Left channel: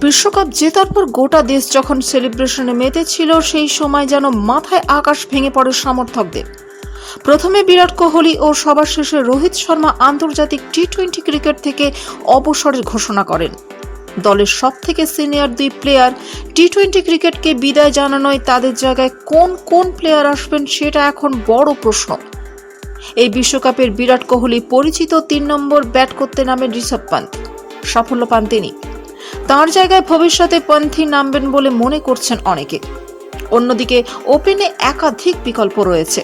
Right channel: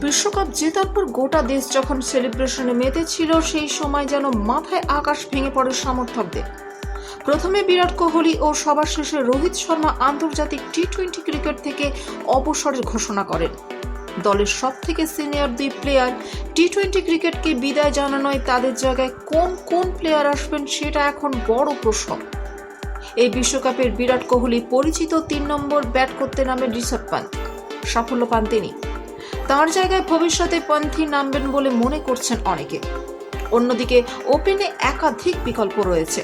বিশ্বকাপ জেতার পর গোটা দেশ যখন সেলিব্রেশনে মেতেছিল, সেই সময় যেন মাথায় আকাশ ভেঙে পড়ে সমর্থকদের। প্রথমে বিরাট কোহলি ও সবার শেষে রোহিত শর্মা আন্তর্জাতিক টি-20 ক্রিকেট থেকে অবসরের ঘোষণা করেন। দলের সবথেকে সিনিয়র দুই প্লেয়ার টি-20 ক্রিকেটকে বিদায় জানানোয় তাদের জায়গায় কোন কোন প্লেয়ার আসবেন সেটা এখন বড় প্রশ্ন। এই বিশ্বকাপের বিরাট কোহলি পরিচিত 3 নম্বর ব্যাট করতে নামেন ঋষভ পান্ত। সাফল্য পান তিনি। তার জায়গায় ভবিষ্যতে পন্থী নামবেন বলে মনে করছেন অনেকে। অন্যদিকে ওপেনে একাধিক বিকল্প রয়েছে,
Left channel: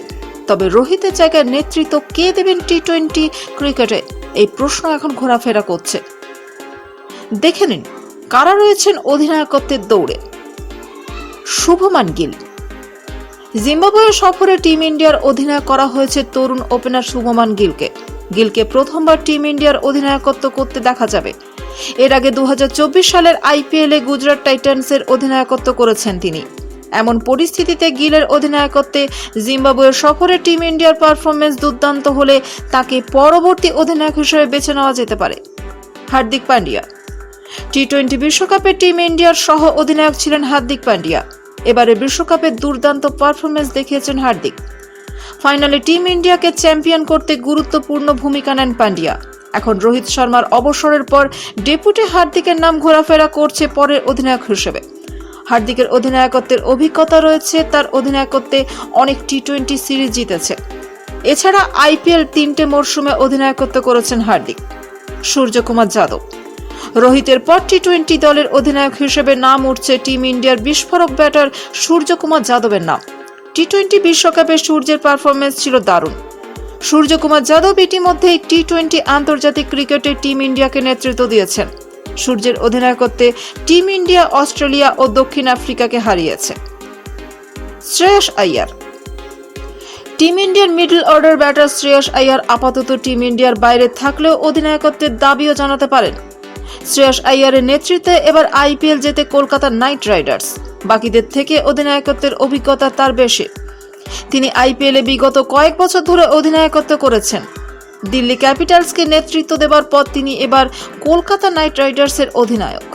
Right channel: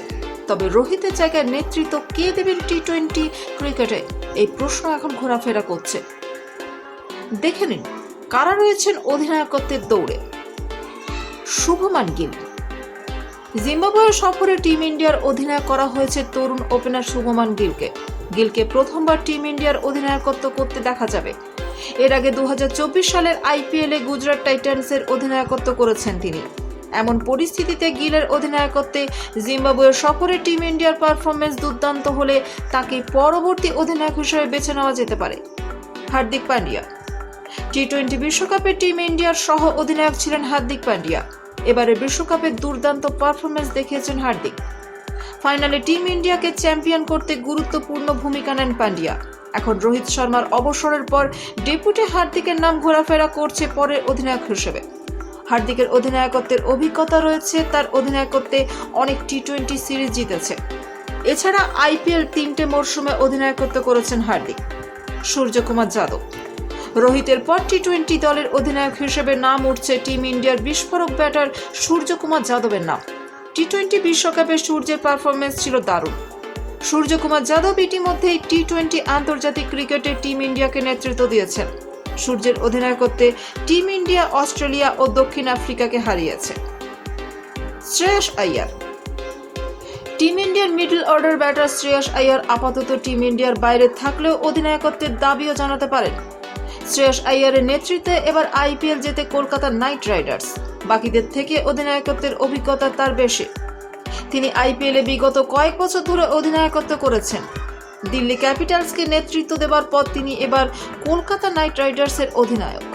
তবে রোহিতের জায়গায় নেতৃত্ব কে দেবেন টি-20 ক্রিকেটে, এই প্রশ্ন এখন ঘোরাফেরা করছে। দেখে নিন কারা রয়েছেন অধিনায়কত্বের দৌড়ে। শুভমান গিল। জিম্বাবুয়ে সফরে টিম ইন্ডিয়ার অধিনায়ক করা হয়েছে তরুণ ওপেনার শুভমান গিলকে। গিলকে প্রথমবার টিম ইন্ডিয়ার অধিনায়কত্ব করতে দেখা যাবে। এর আগে 2024 সালের আইপিএলে গুজরাট টাইটান্সের অধিনায়কত্ব করেছেন তিনি। এমন পরিস্থিতিতে গিলের অধিনায়কত্বে জিম্বাবুয়ে সফরে টিম ইন্ডিয়ার পারফরমেন্স দুর্দান্ত হলে তাকে পরবর্তী অধিনায়ক হিসেবে বেছে নেওয়া যেতে পারে। হার্দিক পান্ডিয়া। টি-20 বিশ্বকাপে টিম ইন্ডিয়ার সহ অধিনায়ক ছিলেন হার্দিক পান্ডিয়া। এবারে বিশ্বকাপে দুর্দান্ত পারফরমেন্স দেখিয়েছেন হার্দিক। ফাইনালে টিম ইন্ডিয়াকে চ্যাম্পিয়ন করতে গুরুত্বপূর্ণ ভূমিকা নেন পান্ডিয়া। এখন রোহিত শর্মার অবসরের পর ডেপুটি হার্দিকের নাম ঘোরাফেরা করছে পরের অধিনায়ক হিসেবে। হার্দিকের অধিনায়কত্বের অভিজ্ঞতা রয়েছে, তার অধিনায়কত্বে অনেক টি-20 সিরিজ জিতেছে। এছাড়া আইপিএল 3টে মরশুমে অধিনায়কত্ব করেছেন হার্দিক। সূর্যকুমার যাদব। রোহিতের পর টি-20 দলের অধিনায়ক হিসেবে নাম উঠছে টিম ইন্ডিয়ার বিস্ফোরক ব্যাটার সূর্যকুমার যাদবের নাম। টি-20 বিশ্বকাপে সূর্যের পারফরমেন্স ছিল দারুণ। সূর্যকুমার যাদব ইতিমধ্যেই টি-20 আন্তর্জাতিক ক্রিকেটে টিম ইন্ডিয়াকে নেতৃত্ব দিয়েছেন। সূর্যের অধিনায়কত্বে টিম ইন্ডিয়া অস্ট্রেলিয়া ও দক্ষিণ আফ্রিকাকে হারিয়েছে। শ্রেয়স আইয়ার। টিম ইন্ডিয়ার middle order batter Shreyas Iyer আপাতত টিম ইন্ডিয়ার বাইরে থাকলেও অধিনায়কত্বের দাবিও জানাতে পারেন। শ্রেয়স আইয়ারের নেতৃত্বে এবার আইপিএল জেতে কলকাতা নাইট রাইডার্স। বাকিদের থেকে অধিনায়কত্বের অভিজ্ঞতা তার বেশি। তিনি আইপিএলে বিগত কয়েক বছর ধরে অধিনায়কত্ব করেছেন। দিল্লি ক্যাপিটালসকে নেতৃত্ব দেবার পর তিনি এবার কলকাতা নাইট রাইডার্সের অধিনায়ক।